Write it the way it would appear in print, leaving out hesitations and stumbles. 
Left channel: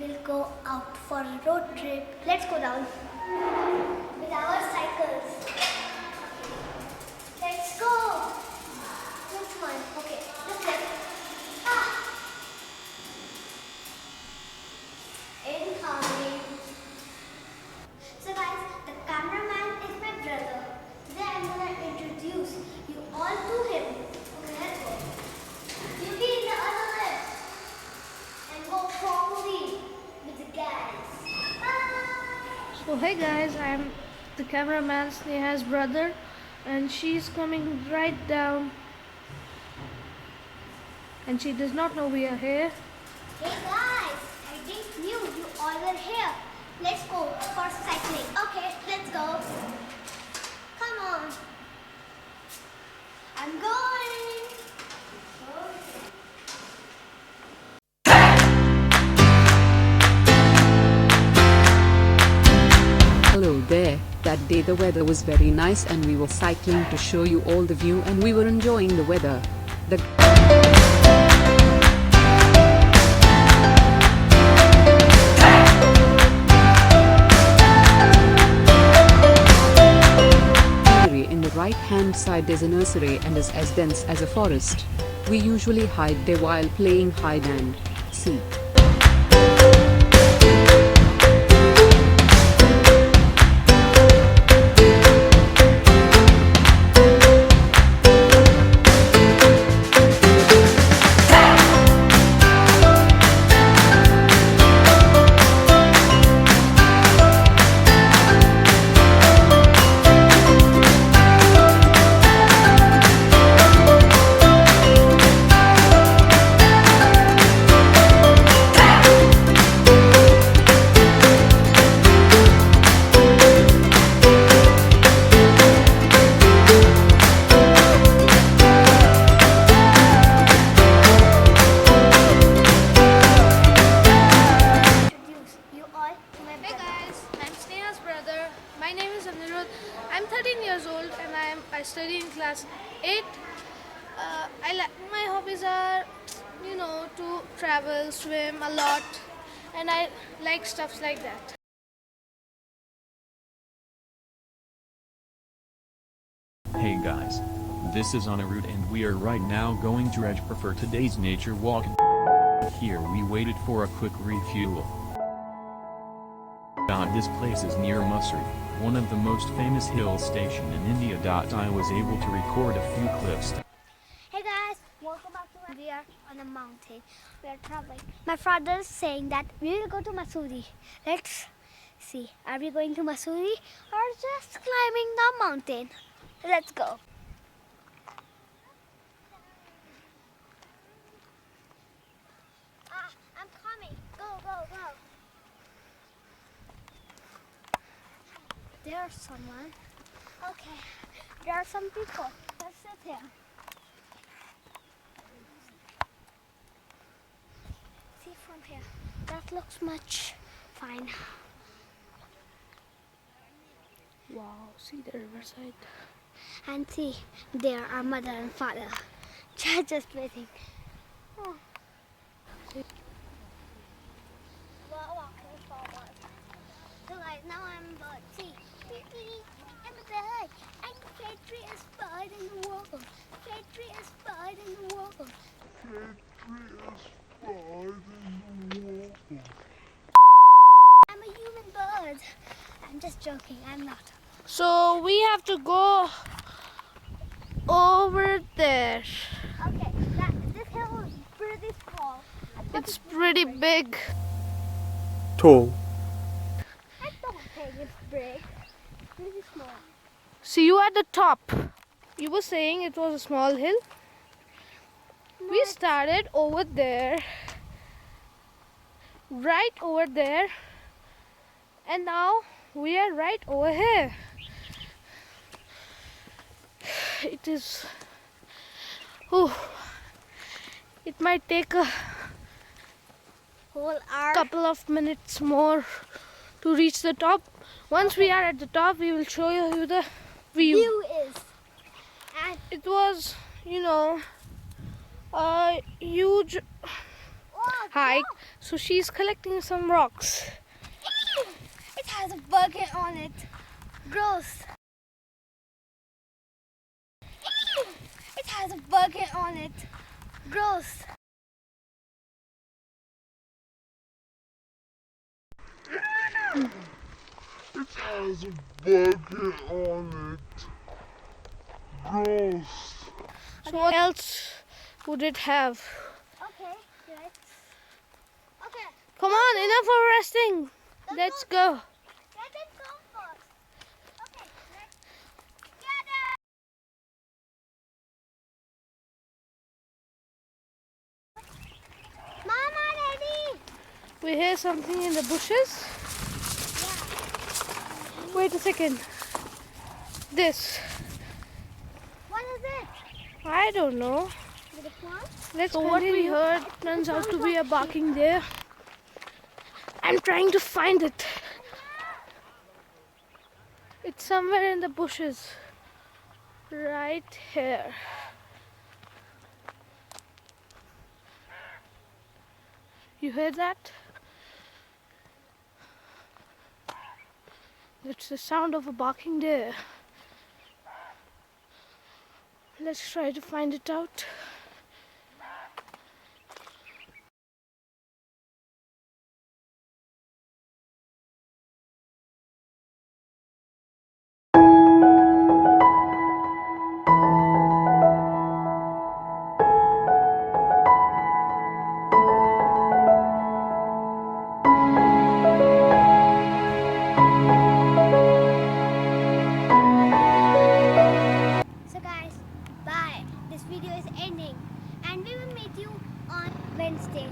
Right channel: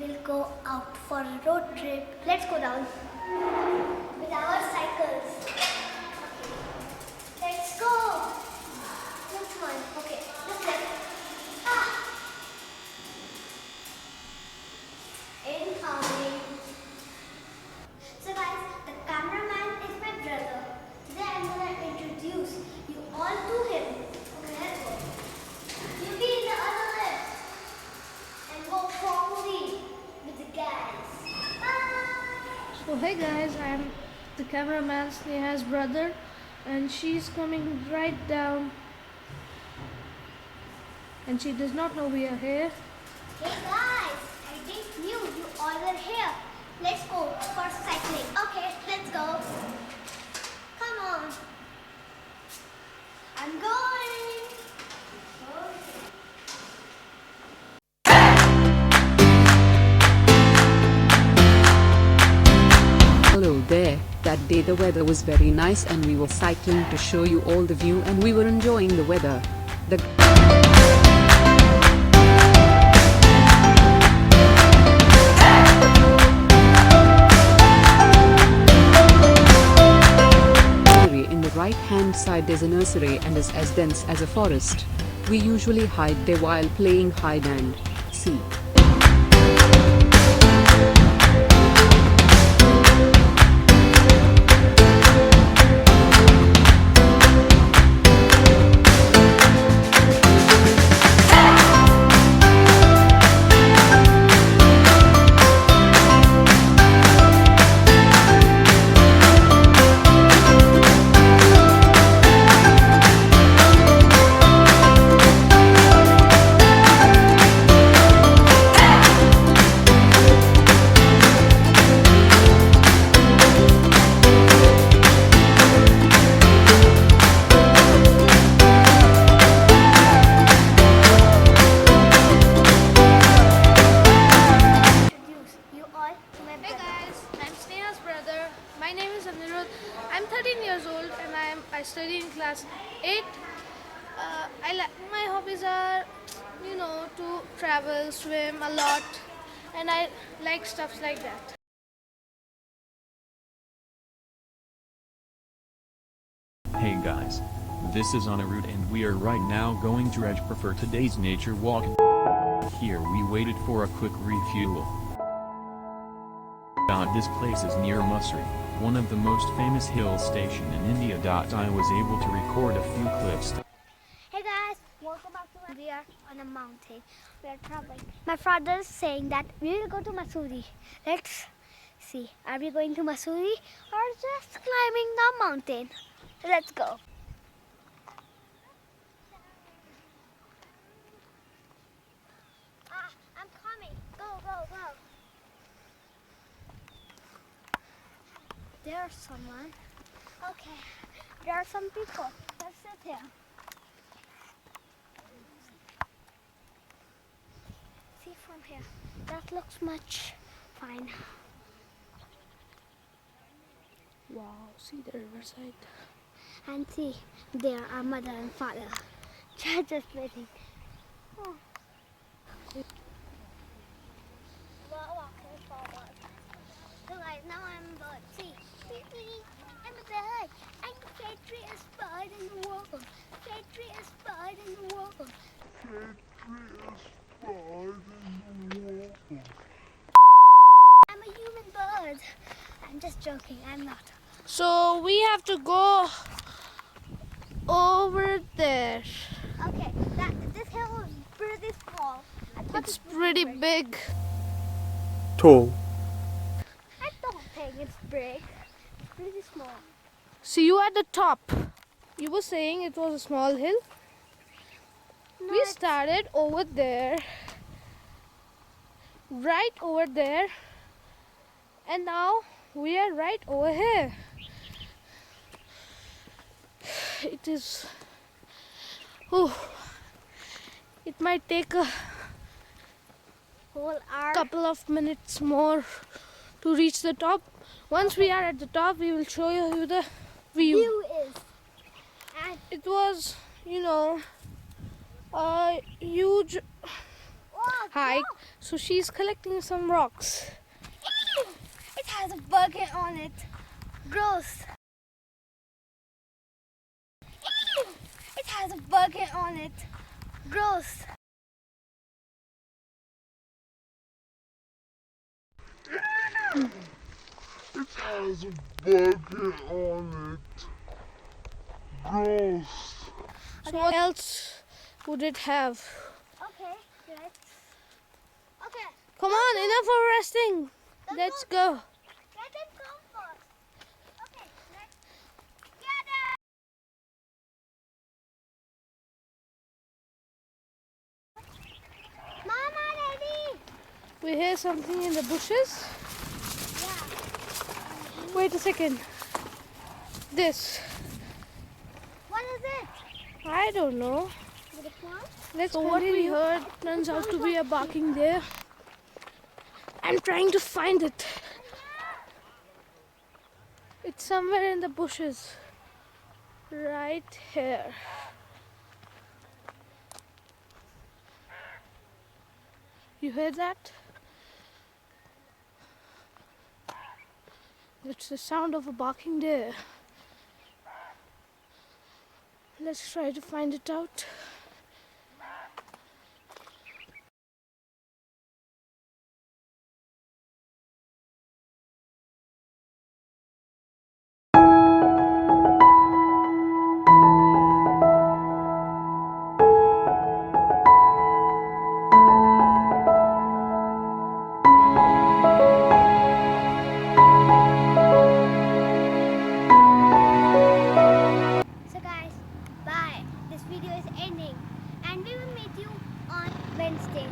we'll go out for a road trip. Let's go down with our cycles. Let's go. Which one? Okay, this way. Incoming. So guys, the cameraman is my brother. Today I'm gonna introduce you all to him. Okay, let's go. You be in the other left and go properly with the guys. Bye. So hey guys, I'm the cameraman Sneha's brother, and she's coming right down, and she does not know we are here. Hey guys, I didn't knew you all were here. Let's go for cycling. Okay, let's go. Come on. I'm going. Hello there. That day the weather was very nice and we were cycling to show you all the view and we were enjoying the weather. In the right hand side there's a nursery and is as dense as a forest. We usually hide there while playing hide and seek. Hey guys, I'm Sneha's brother. My name is Anirudh. I'm 13 years old and I study in class 8. My hobbies are, to travel, swim a lot, and I like stuffs like that. Hey guys, this is Anirudh and we are right now going to Rajpur for today's nature walk. Here we waited for a quick refuel. This place is near Mussoorie, one of the most famous hill station in India. I was able to record a few clips. Hey guys, welcome back to We are on a mountain. We are traveling. My father is saying that we will go to Mussoorie. Let's see. Are we going to Mussoorie or just climbing the mountain? Let's go. I'm coming. Go, go, go. There's someone. Okay. There are some people. Let's sit here. See from here. That looks much fine. Wow, see the riverside. And see, there are mother and father. Just waiting. Oh. We're walking forward. So guys, now I'm a bird. See, I'm a bird. I'm the favorite bird in the world. Favorite bird in the world. I'm a human bird. I'm just joking. I'm not. So we have to go over there. Okay, this hill is pretty small. It's pretty big. Tall. I don't think it's big. It's pretty small. See you at the top. You were saying it was a small hill. No, We started over there, right over there, and now we are right over here. It is. Oh, it might take a whole hour. couple of minutes more to reach the top. Once we are at the top, we will show you the view. View is. And It was, a huge oh, hike, so she's collecting some rocks. It has a burger on it. Gross. It has a burger on it. Gross. It has a bucket on it. Gross. So what else would it have? Okay, let's. Okay, Come on, enough of resting. Let's go. let them come first. Okay, let's gather. Mama, ready? We hear something in the bushes. Wait a second. This. What is it? I don't know. Did it want? Let's so what we heard turns out to be a barking deer. I'm trying to find it. It's somewhere in the bushes. Right here. You heard that? It's the sound of a barking deer. Let's try to find it out. So guys, bye. This video is ending and we will meet you on Wednesday.